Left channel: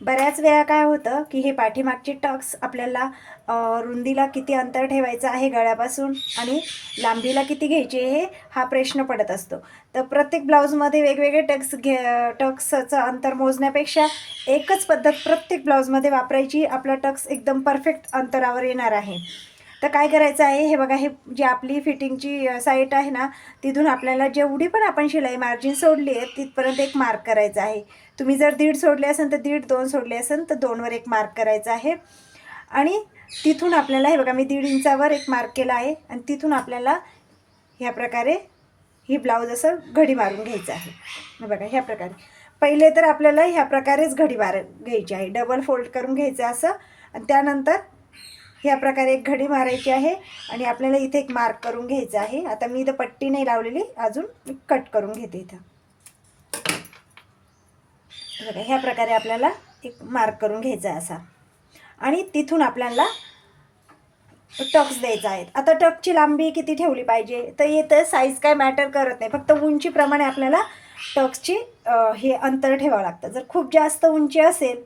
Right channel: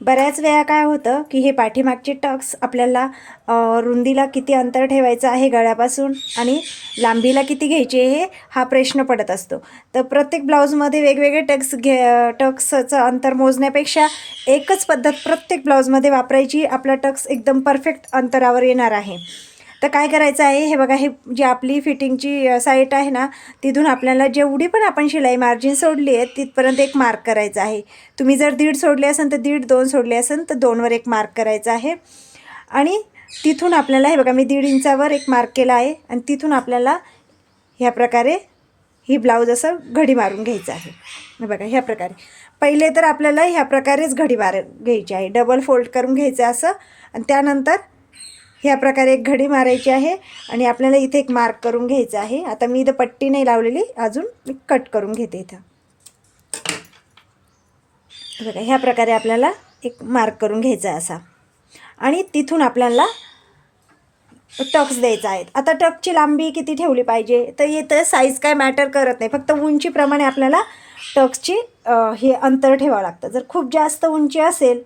बऱ्याच वेळा काय होतं की हे पाठीमागचे टक्स आपल्याला रुंदीला किती अंतर ठेवायचं आहे गळ्यापासून आणि लांबीला किती घ्यायचे हे हा प्रश्न पडत असतो. तर प्रत्येक ब्लाऊजमध्ये वेगवेगळे टक्सचं अंतर मोजण्यापेक्षा एकच पद्धत प्रत्येक ब्लाऊजमध्ये वापरायची. आपला टक्स एकदम परफेक्ट अंतरावर येणार आहे. तर काय करायचं आहे, हे बघा, हे जी आपली फिटिंगची साईट आहे ना, तिथून आपल्याला जेवढी पण आपण शिलाई मार्जिन सोडली आहे तिथपर्यंत एक मार्क करायचा आहे. तुम्ही जर 1.5 सोडले असेल तर 1.5, 2 सोडले असेल तर 2वर एक मार्क करायचा आहे. आणि तिथून आपल्याला हे बघा, मी 1.5 इंचावर एक मार्क केला आहे आणि तिथून आपल्याला ह्या प्रकारे ही ब्लाऊज असं घडी मारून घ्यायचं आहे. हे बघा, ह्या प्रकारे पहिले तर आपल्याला ह्या प्रकारेच घडी घ्यायची आहे, डबल फोल्ड करून घ्यायचं असं. आणि त्यानंतर ह्या प्रकारे एक घडी मारायची आहे आणि आपल्याला इथे एक मार्क करून घ्यायचं आहे. आता मी इथं पट्टी नाही लावलेली, अजून मी कट करून घेते इथं. बघा, ह्या प्रकारे आपल्याला एक मार्क करून घ्यायचा आहे असा. आणि तिथून आपल्याला टक्स द्यायचा आहे. आता टक्सची लांबी किती ठेवली पाहिजे, तर इथं साईज काय मॅटर करत नाही, फक्त उंचीप्रमाणे आपल्याला टक्सची हे अंतर ठेवावं लागतं. जर खूप जास्त उंची असेल,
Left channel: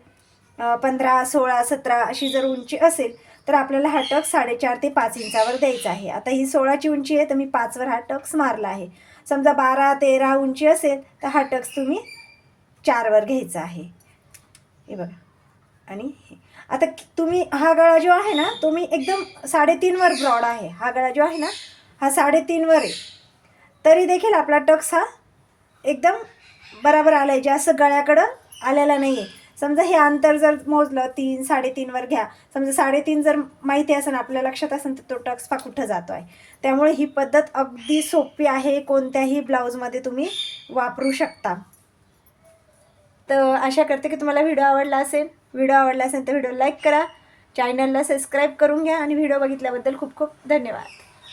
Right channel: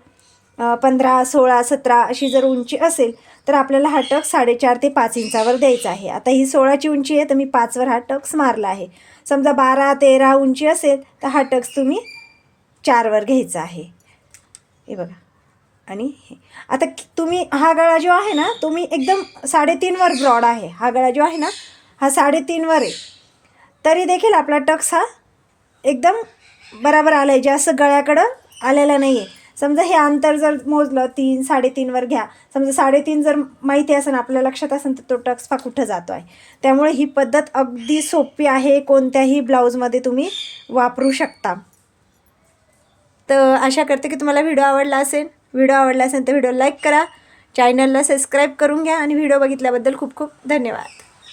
15, 16, 17 अशी जर उंची असेल तर आपल्याला हा टक्स 4.5 ते 5 इंचावर द्यायचा आहे. आता ही 16ची उंची आहे तर मी 5वर हा टक्स मारला आहे. समजा 12, 13 उंची असेल तर हा टक्स तुम्ही 4वर घ्यायचा आहे. हे बघा. आणि आता तुम्ही हा गळा जो आहे ना, तो मी एकदम 3.5वर ब्रॉड आहे. हा गळा जो आहे ना, हा 3.5वर आहे, तरी देखील आपला टक्स हा एकदम बरोबर आला आहे, जास्त गळ्याकडं आलेला नाही आहे. समजा हे अंतर जर मोजलं 3, 3.5वर घ्या. समजा 3.5 जर माहिती असेल, आपल्या लक्षात असेल, तर तो टक्स पा कुठं जातो आहे. त्यामुळे ही पद्धत अगदी सोपी आहे, कोणत्याही ब्लाऊजमध्ये तुम्ही वापरू शकता. तर आशा करते की तुम्हाला व्हिडिओ आवडला असेल. व्हिडिओ आवडला असेल तर व्हिडिओ लाईक करा, चॅनलला सबस्क्राईब करून घ्या आणि व्हिडिओ बघितल्याबद्दल खूप खूप धन्यवाद.